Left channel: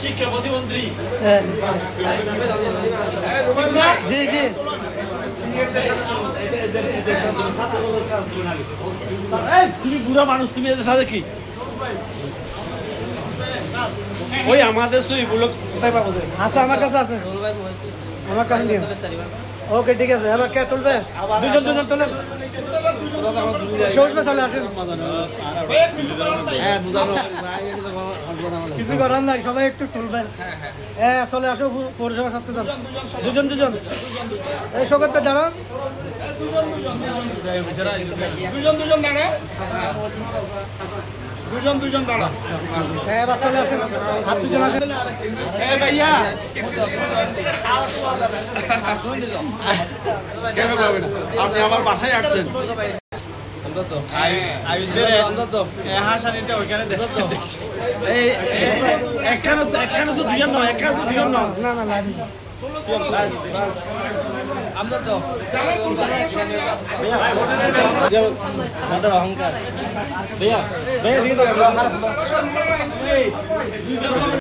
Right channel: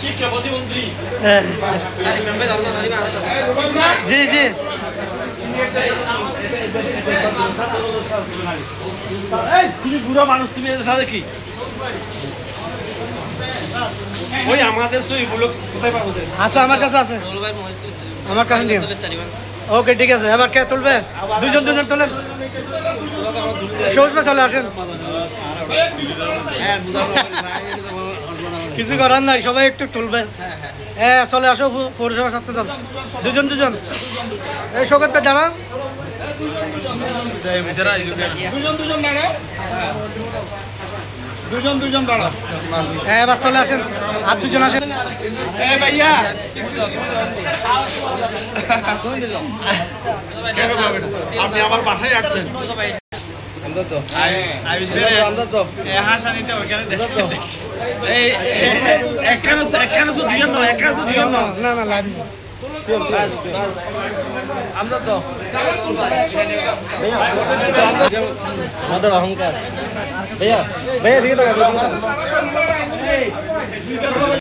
শিক্ষা প্রতিমন্ত্রী জি জি তুমি বুড়া মানুষ, তুমি এদের সাথে কি ওই আমাদের সইগুলো কোথায় পাবো? আচ্ছা আমার কাছে আছে, আমার কাছে নিয়ে। ওকে ঠিক আছে, এবার কে তুলবে? দুজন দুজন তোলেন, সবুজ ভাই চলে আসেন। কিছু করার নাই, সবাই একটু তুলবে। হ্যাঁ চলে আসো, পৌরসভার সাথে চল, দুজন দুজন। এই শোকত ভাই দাঁড়া, দুজন দুজন দাঁড়া। হ্যাঁ এবার চলে আসেন, আর দুজন আসেন। ভাইয়া আপনি আমার বাসায় আসছেন? একখানে তো দিবেন না, একখানে তো দিবেন না। না না লাভ আমরা তো আমাদের অহংকার ভাইয়া ভাইয়া দিয়ে দাও।